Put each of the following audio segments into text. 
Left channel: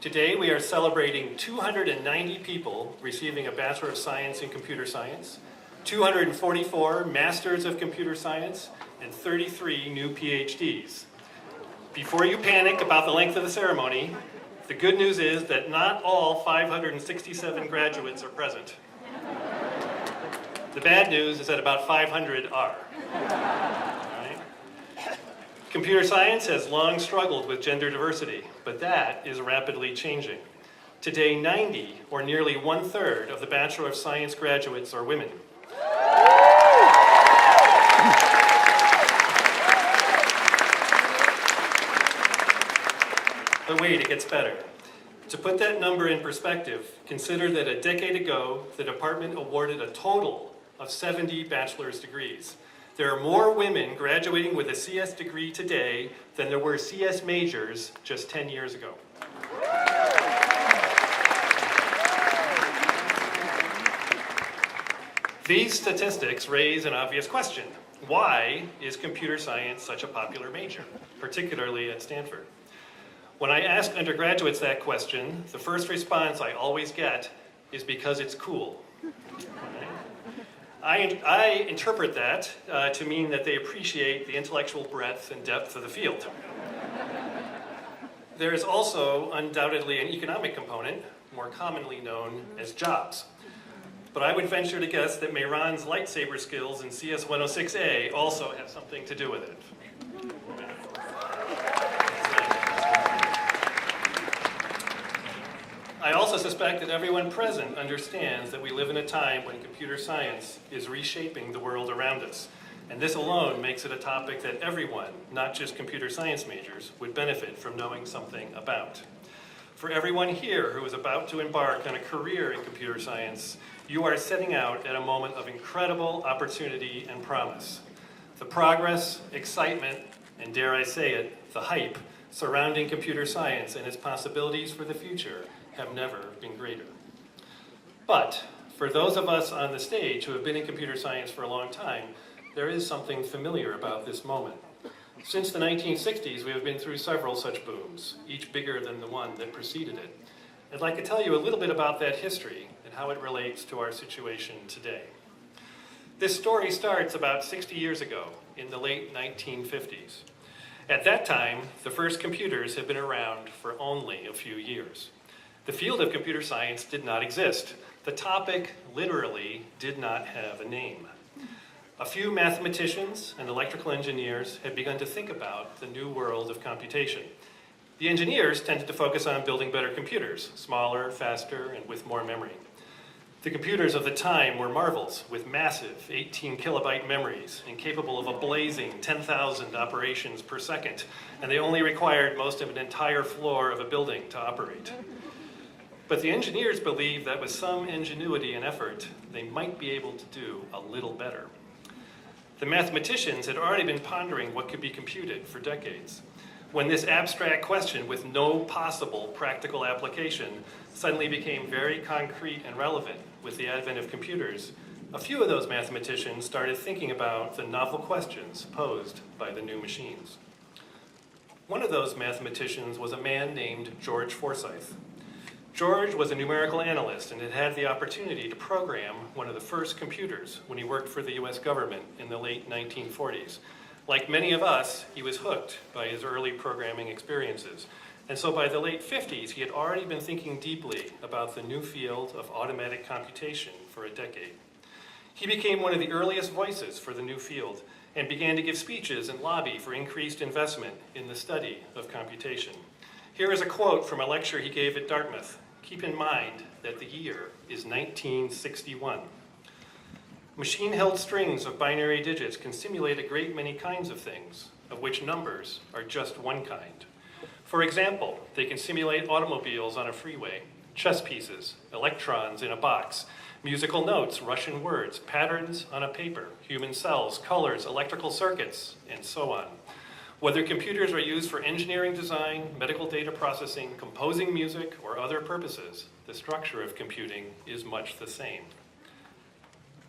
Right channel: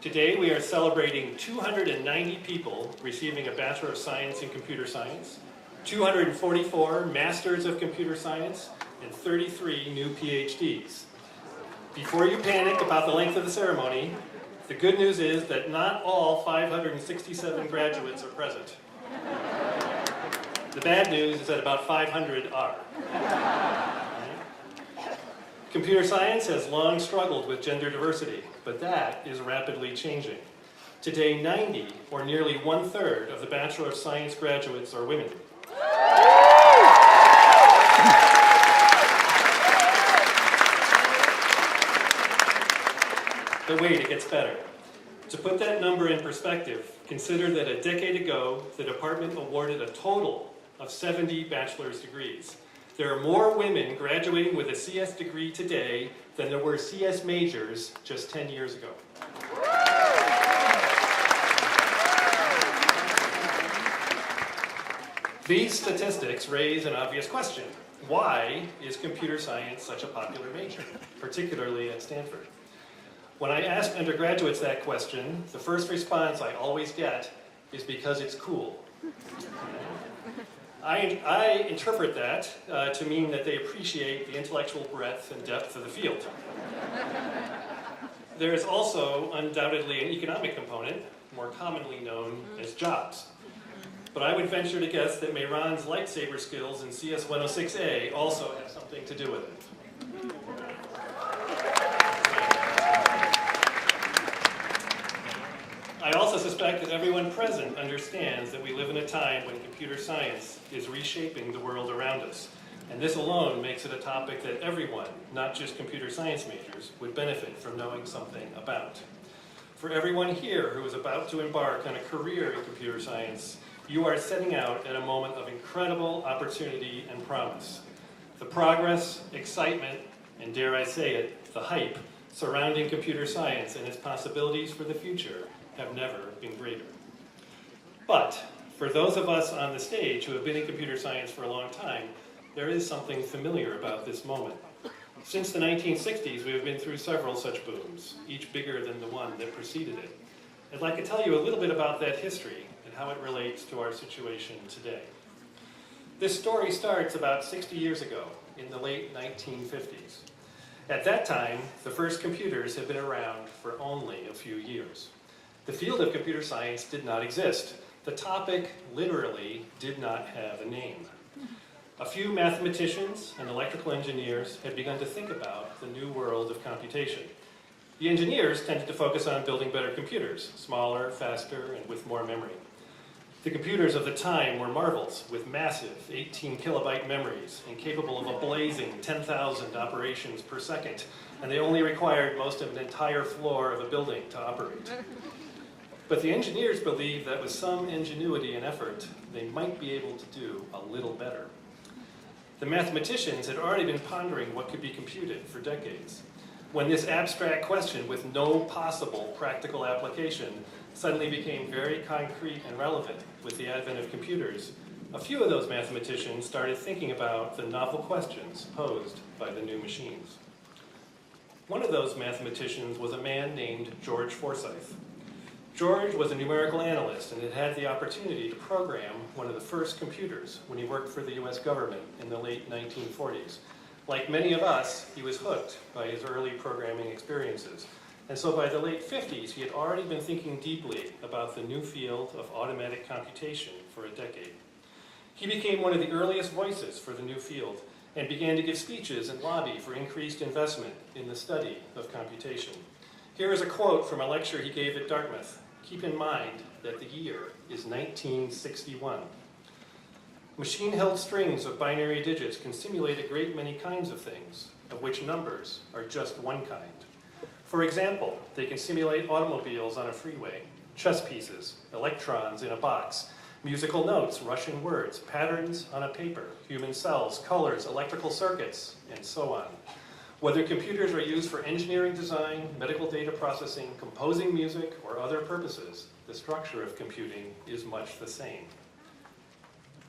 Today we are celebrating 290 people receiving a Bachelor of Science in Computer Science, 244 Masters of Computer Science, and 33 new PhDs. Before you panic about the length of the ceremony, the good news is that not all 567 graduates are present. The bad news is that about 500 are. Right? Computer science has long struggled with gender diversity, but that is rapidly changing. Today, 90, or nearly 1/3 of the Bachelor of Science graduates are women. But wait, it gets better. To put that number in perspective, consider that a decade ago, the department awarded a total of 70 bachelor's degrees. There are more women graduating with a CS degree today than there were CS majors just 10 years ago. These statistics raise an obvious question. Why is computer science such a popular major, particularly at Stanford? When I ask undergraduates that question, the first response I always get is because it's cool. I interpret that to mean that they appreciate the intellectual breadth and depth of the field. There is also undoubtedly an economic component, more commonly known as jobs. But I would venture to guess that Mehran's lightsaber skills in CS 106A also have something to do with it. I also suspect that everyone present understands that we live in a time when computer science is reshaping the world around us. And this alone makes it a topic that everyone, not just computer science majors, would benefit from knowing something about. For everyone here who is about to embark on a career in computer science, you are setting out at a moment of incredible opportunity and promise. The progress, excitement, and dare I say it, the hype surrounding computer science and its possibilities for the future have never been greater. But for those of us on the stage who have been in computer science for a long time, there is something familiar about this moment. Since the 1960s, we have been through several such booms, each bigger than the one that preceded it. I'd like to tell you a little bit about that history and how it relates to our situation today. This story starts about 60 years ago, in the late 1950s. At that time, the first computers had been around for only a few years. The field of computer science did not exist. The topic literally did not have a name. A few mathematicians and electrical engineers had begun to think about the new world of computation. The engineers tended to focus on building better computers, smaller, faster, and with more memory. The computers of the time were marvels with massive 18 kilobyte memories and capable of a blazing 10,000 operations per second, and they only required most of an entire floor of a building to operate. But the engineers believed that with some ingenuity and effort, they might be able to do a little better. The mathematicians had already been pondering what could be computed for decades, when this abstract question with no possible practical application suddenly became very concrete and relevant with the advent of computers. A few of those mathematicians started thinking about the novel questions posed by the new machines. One of those mathematicians was a man named George Forsythe. George was a numerical analyst and had had the opportunity to program one of the first computers when he worked for the US government in the late 1940s. Like many of us, he was hooked by his early programming experiences. And so by the late 50s, he had already been thinking deeply about the new field of automatic computation for a decade. He became one of the earliest voices for the new field and began to give speeches and lobby for increased investment in the study of computation. Here is a quote from a lecture he gave at Dartmouth. Keep in mind that the year is 1961. Machine-held strings of binary digits can simulate a great many kinds of things, of which numbers are just one kind. For example, they can simulate automobiles on a freeway, chess pieces, electrons in a box, musical notes, Russian words, patterns on a paper, human cells, colors, electrical circuits, and so on. Whether computers are used for engineering design, medical data processing, composing music, or other purposes, the structure of computing is much the same.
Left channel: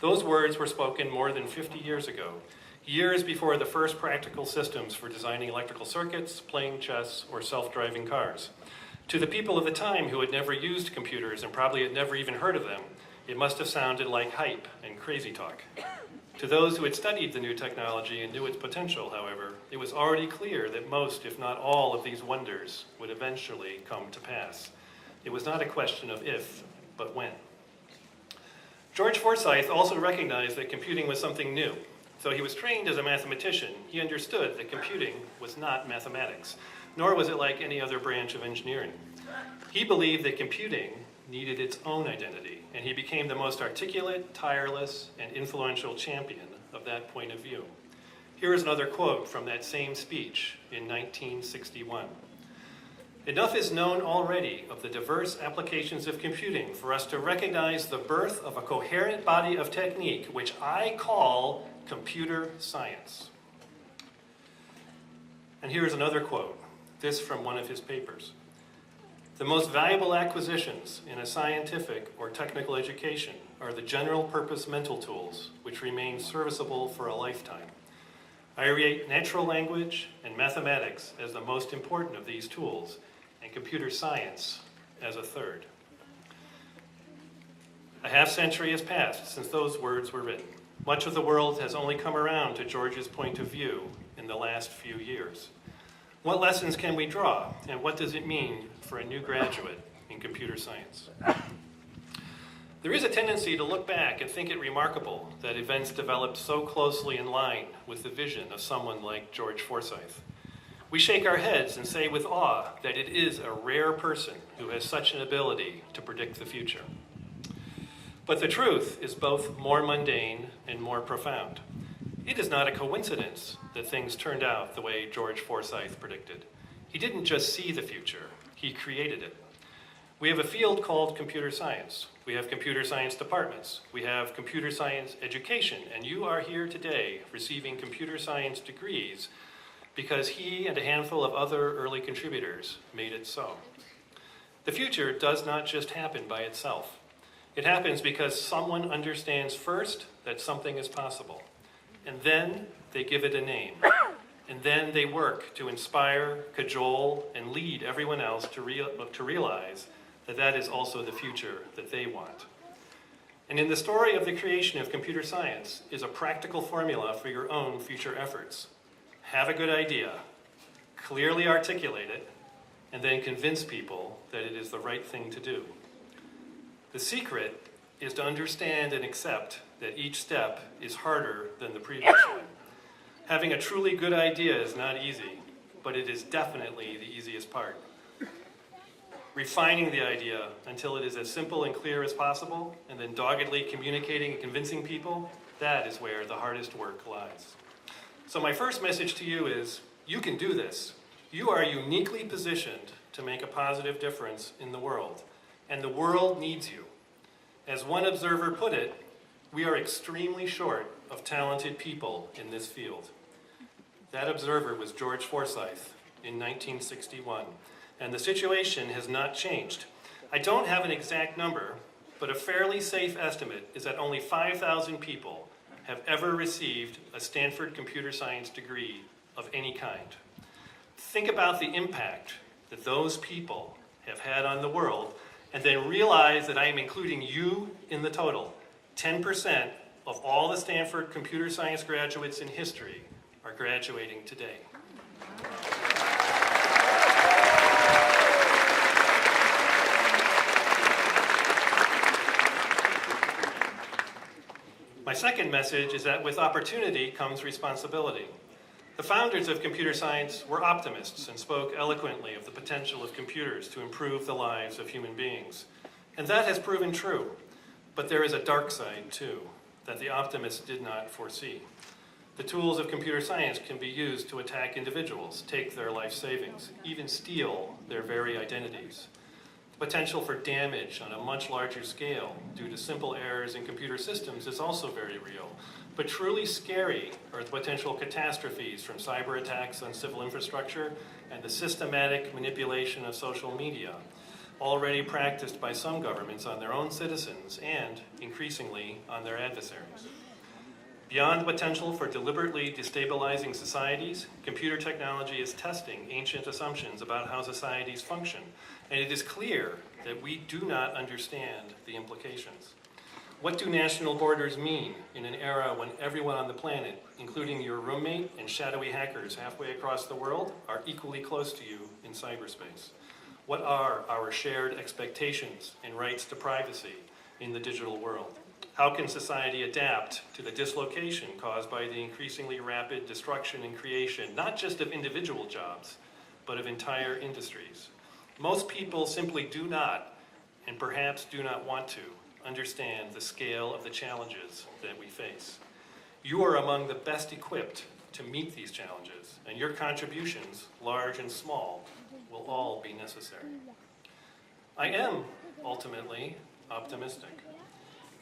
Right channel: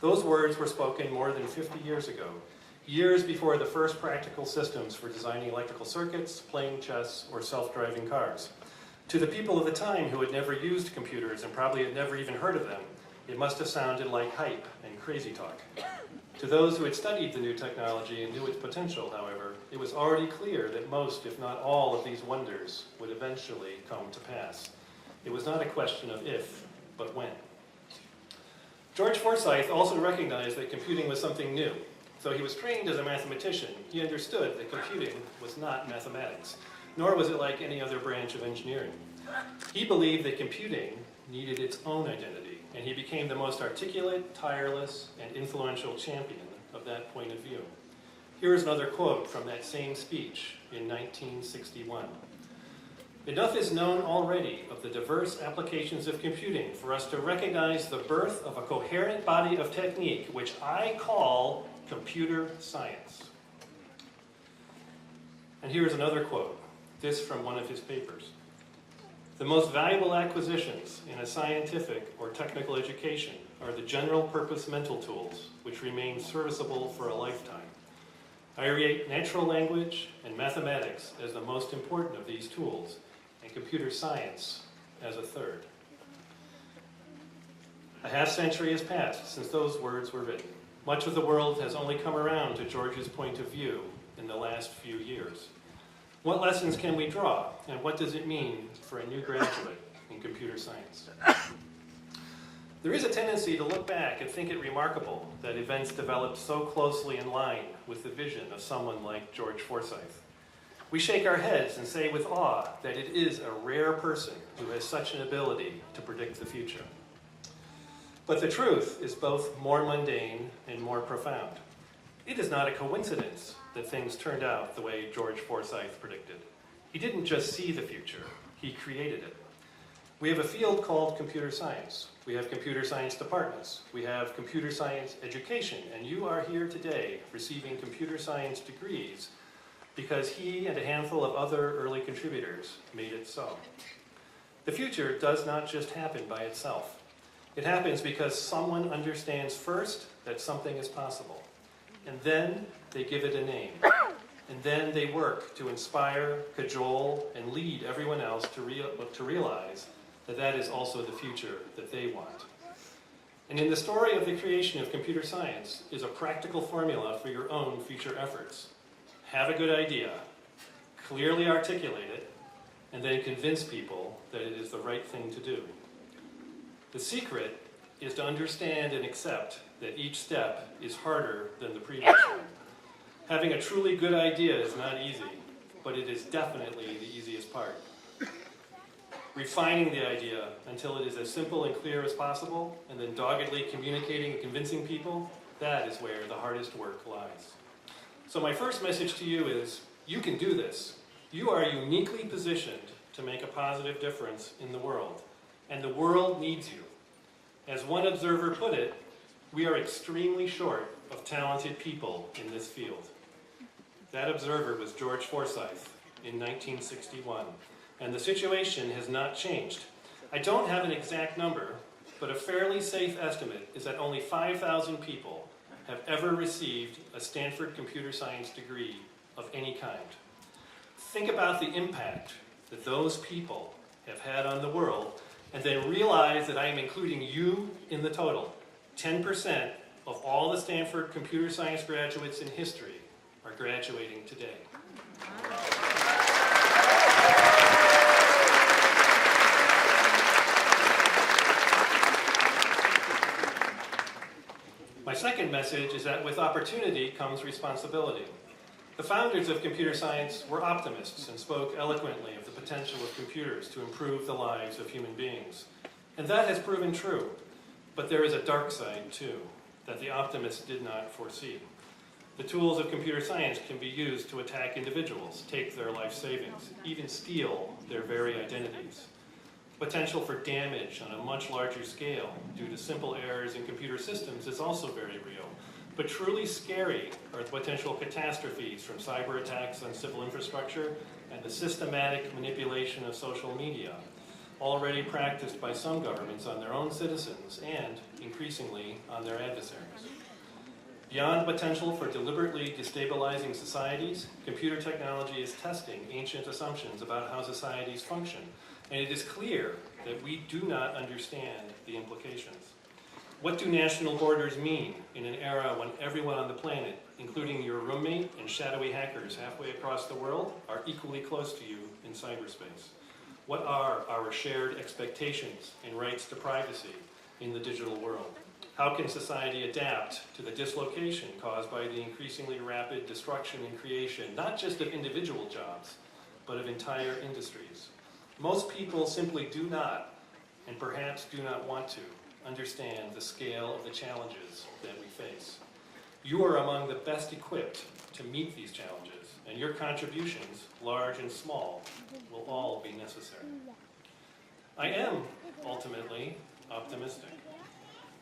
Those words were spoken more than 50 years ago, years before the first practical systems for designing electrical circuits, playing chess, or self-driving cars. To the people of the time who had never used computers and probably had never even heard of them, it must have sounded like hype and crazy talk. To those who had studied the new technology and knew its potential, however, it was already clear that most, if not all, of these wonders would eventually come to pass. It was not a question of if, but when. George Forsythe also recognized that computing was something new. Though he was trained as a mathematician, he understood that computing was not mathematics, nor was it like any other branch of engineering. He believed that computing needed its own identity, and he became the most articulate, tireless, and influential champion of that point of view. Here is another quote from that same speech in 1961. "Enough is known already of the diverse applications of computing for us to recognize the birth of a coherent body of technique, which I call computer science." And here is another quote, this from one of his papers. "The most valuable acquisitions in a scientific or technical education are the general purpose mental tools which remain serviceable for a lifetime. I rate natural language and mathematics as the most important of these tools, and computer science as a third." A half-century has passed since those words were written. Much of the world has only come around to George's point of view in the last few years. What lessons can we draw, and what does it mean for a new graduate in computer science? There is a tendency to look back and think it remarkable that events developed so closely in line with the vision of someone like George Forsythe. We shake our heads and say with awe that it is a rare person who has such an ability to predict the future. But the truth is both more mundane and more profound. It is not a coincidence that things turned out the way George Forsythe predicted. He didn't just see the future, he created it. We have a field called computer science. We have computer science departments. We have computer science education, and you are here today receiving computer science degrees because he and a handful of other early contributors made it so. The future does not just happen by itself. It happens because someone understands first that something is possible, and then they give it a name, and then they work to inspire, cajole, and lead everyone else to realize that that is also the future that they want. And in the story of the creation of computer science is a practical formula for your own future efforts. Have a good idea, clearly articulate it, and then convince people that it is the right thing to do. The secret is to understand and accept that each step is harder than the previous one. Having a truly good idea is not easy, but it is definitely the easiest part. Refining the idea until it is as simple and clear as possible, and then doggedly communicating and convincing people, that is where the hardest work lies. So my first message to you is, you can do this. You are uniquely positioned to make a positive difference in the world, and the world needs you. As one observer put it, we are extremely short of talented people in this field. That observer was George Forsythe in 1961, and the situation has not changed. I don't have an exact number, but a fairly safe estimate is that only 5,000 people have ever received a Stanford computer science degree of any kind. Think about the impact that those people have had on the world, and then realize that I am including you in the total. 10% of all the Stanford computer science graduates in history are graduating today. My second message is that with opportunity comes responsibility. The founders of computer science were optimists and spoke eloquently of the potential of computers to improve the lives of human beings. And that has proven true. But there is a dark side, too, that the optimists did not foresee. The tools of computer science can be used to attack individuals, take their life savings, even steal their very identities. The potential for damage on a much larger scale due to simple errors in computer systems is also very real. But truly scary are the potential catastrophes from cyber attacks on civil infrastructure and the systematic manipulation of social media, already practiced by some governments on their own citizens and, increasingly, on their adversaries. Beyond the potential for deliberately destabilizing societies, computer technology is testing ancient assumptions about how societies function and it is clear that we do not understand the implications. What do national borders mean in an era when everyone on the planet, including your roommate and shadowy hackers halfway across the world, are equally close to you in cyberspace? What are our shared expectations and rights to privacy in the digital world? How can society adapt to the dislocation caused by the increasingly rapid destruction and creation, not just of individual jobs, but of entire industries? Most people simply do not, and perhaps do not want to, understand the scale of the challenges that we face. You are among the best equipped to meet these challenges, and your contributions, large and small, will all be necessary. I am, ultimately, optimistic.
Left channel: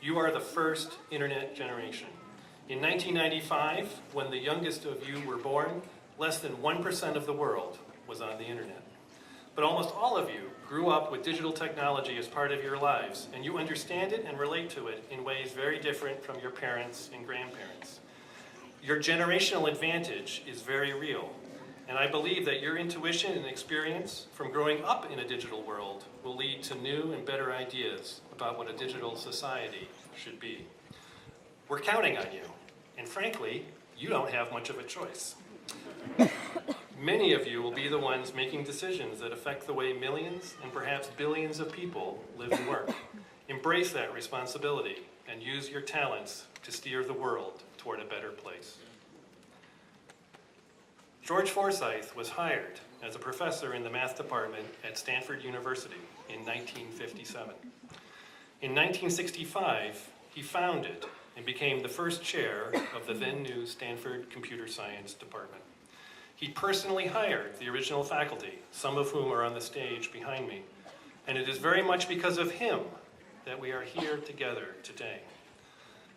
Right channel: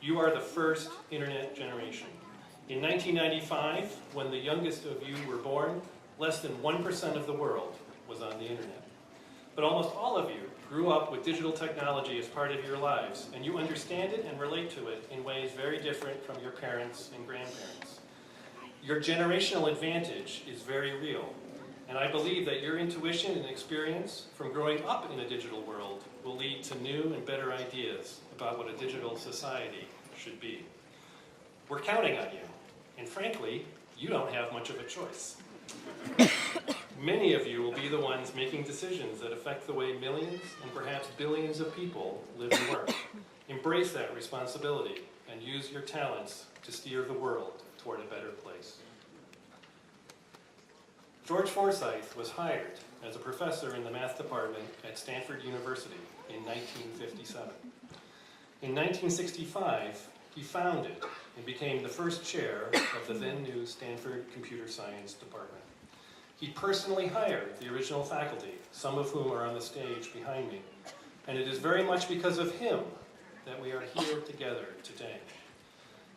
You are the first internet generation. In 1995, when the youngest of you were born, less than 1% of the world was on the internet. But almost all of you grew up with digital technology as part of your lives, and you understand it and relate to it in ways very different from your parents and grandparents. Your generational advantage is very real, and I believe that your intuition and experience from growing up in a digital world will lead to new and better ideas about what a digital society should be. We're counting on you, and frankly, you don't have much of a choice. Many of you will be the ones making decisions that affect the way millions and perhaps billions of people live and work. Embrace that responsibility and use your talents to steer the world toward a better place. George Forsyth was hired as a professor in the math department at Stanford University in 1957. In 1965, he founded and became the first chair of the then new Stanford Computer Science Department. He personally hired the original faculty, some of whom are on the stage behind me, and it is very much because of him that we are here together today.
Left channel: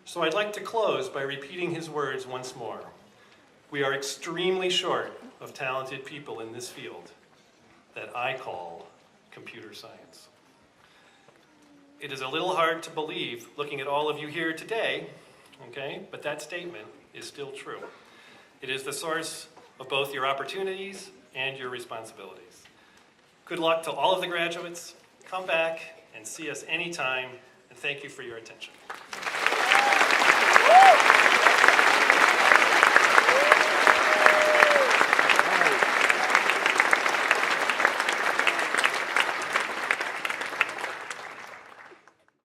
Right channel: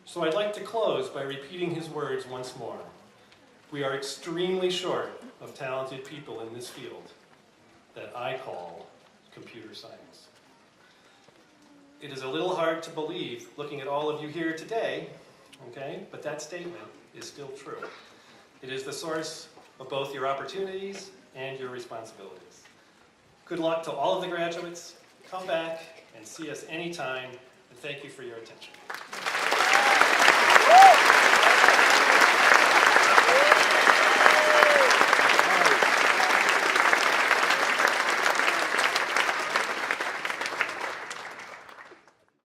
So I'd like to close by repeating his words once more. We are extremely short of talented people in this field that I call computer science. It is a little hard to believe looking at all of you here today, okay, but that statement is still true. It is the source of both your opportunities and your responsibilities. Good luck to all of the graduates. Come back and see us anytime, and thank you for your attention.